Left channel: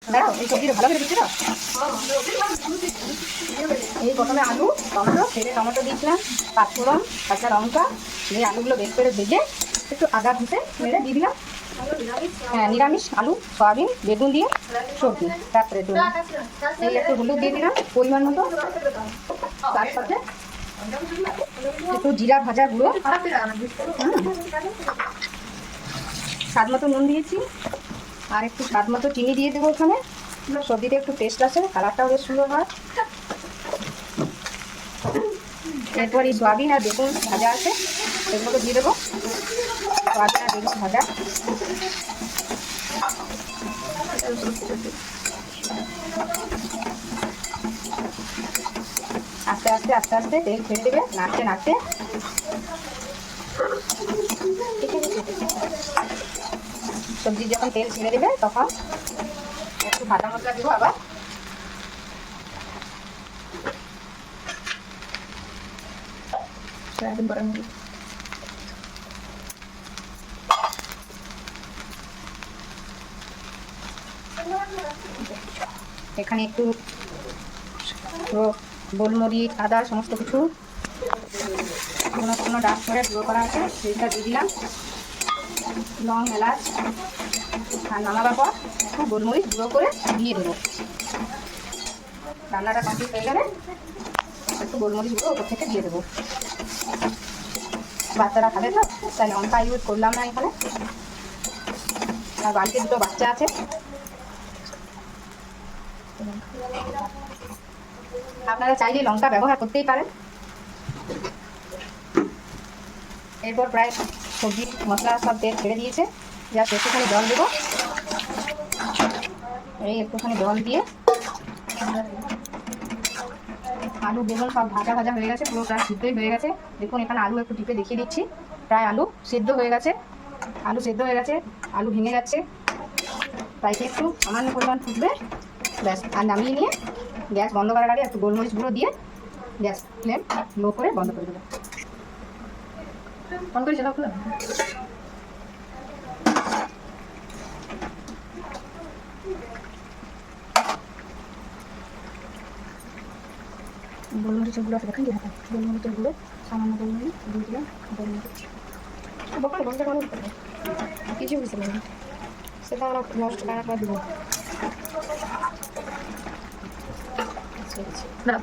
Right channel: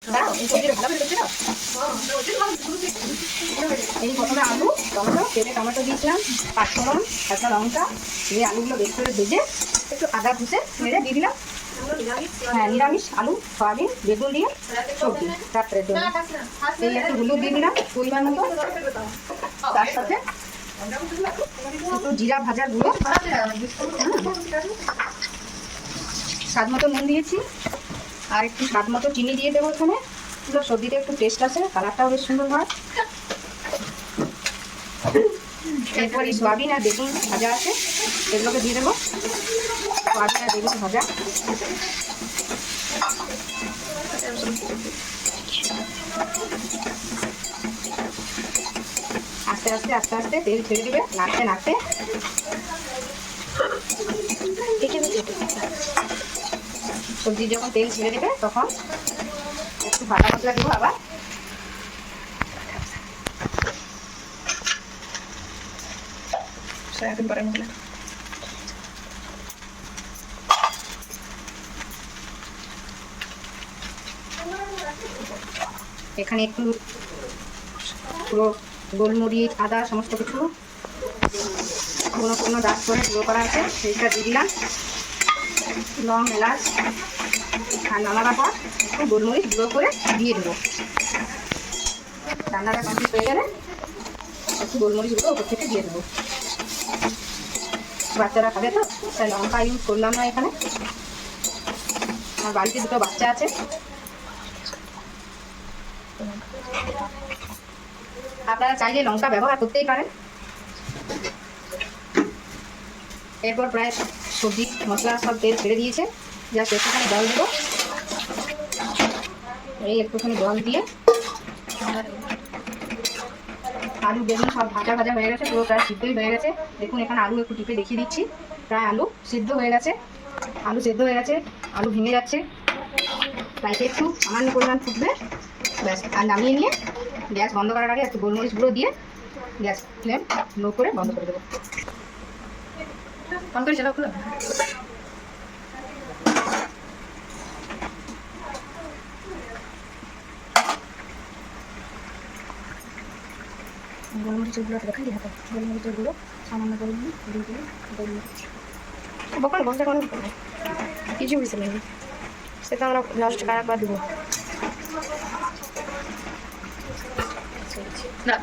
এই প্রথমে আলু টমেটো তেলে টমেটো দিয়েছিলাম, পাঁচফোড়ন, কাঁচা লঙ্কা দিয়ে আলুগুলো বেশ করে ভেজে একটু আদা ভুষে মেরে দিয়ে দিলাম। হ্যাঁ, নিরামিষ আলু সয়াবিন বেগুন দিয়ে সবজি রাত্রের জন্য। এই একটু হলুদ দিয়ে দিলাম পরিমাণ মতো, তার সাথে একটু জিরা ভাজা গুঁড়ো, স্বাদ মতো নুন দিয়েছি, আর একটু স্বাদ মতো চিনি দিয়ে দেবো। এখানে সবজিতে একটু টেস্ট আছে, কালারটা বেশ সুন্দর হয়। এরপর এই সয়াবিন আর বেগুন ভাজা আছে এগুলোকে দিয়ে দেবো। সয়াবিন আর বেগুন ভাজা আস্তে আস্তে আস্তে আস্তে তেল ছেড়ে দেবে, নাড়তে নাড়তে। সবজি যখন তেল ছেড়ে দেবে তখন একটু ভাজা মশলা দেবো আবার। সয়াবিন বাটার মশলা এখানে একটু পুরো গোলমরিচ আদা সমস্ত কিছু কোনো ডাক করে গুঁড়ো করা আছে সেইটা দিয়ে দিলাম। লং এলাচ আর নামাবার পর একটু গোলমরিচ গুঁড়ো করে দিয়ে দেবো। রান্নাটা কমপ্লিট হয়ে গেলে একটু গোলমরিচ গুঁড়ো ওপর থেকে দিয়ে দেবো। বাচ্চারা খাবে তো, তাই লঙ্কা ইউজ করলাম না এখানে। আর বাড়িতে দুটো বাচ্চা আছে, আপনারা চাইলে লঙ্কা ব্যবহার করতেই পারেন। এরপর প্রায় সবজি মশলা সব তেল ছেড়ে দিয়েছে, জাস্ট একটুখানি জল দেবো। এই একটুখানি জল দিয়ে আলু বেগুন সব ভাজা ভাজা হয়ে গেছে, পুরো প্রায় সিদ্ধই হয়ে গেছে। দেখুন এখানে আলু একটু টিপে দেখিয়ে দিচ্ছি, প্রায় আলু সিদ্ধ হয়ে গেছে। আলু সিদ্ধ হয়ে গেছে, আলু ভেঙে যাচ্ছে, তাই একটু সামান্য পরিমাণ ফুটবে ব্যাস। আর নামিয়ে নিয়ে গ্যাস বন্ধ করার আগে একটু গোলমরিচ গুঁড়ো দিয়ে গ্যাস ফ্লেম লো করে বন্ধ করে দেবো। বন্ধ করে সেটা খুলো। গোলমরিচের গুঁড়ো দেখাই দিয়ে হাতে গোলমরিচের গুঁড়ো সামান্য গোলমরিচ দিয়ে দিলাম। গোলমরিচ বকাল বন্ধ কোনো কিছু বুঝতে পারি সেটা আমরা লাস্ট আর একবার দেবো না।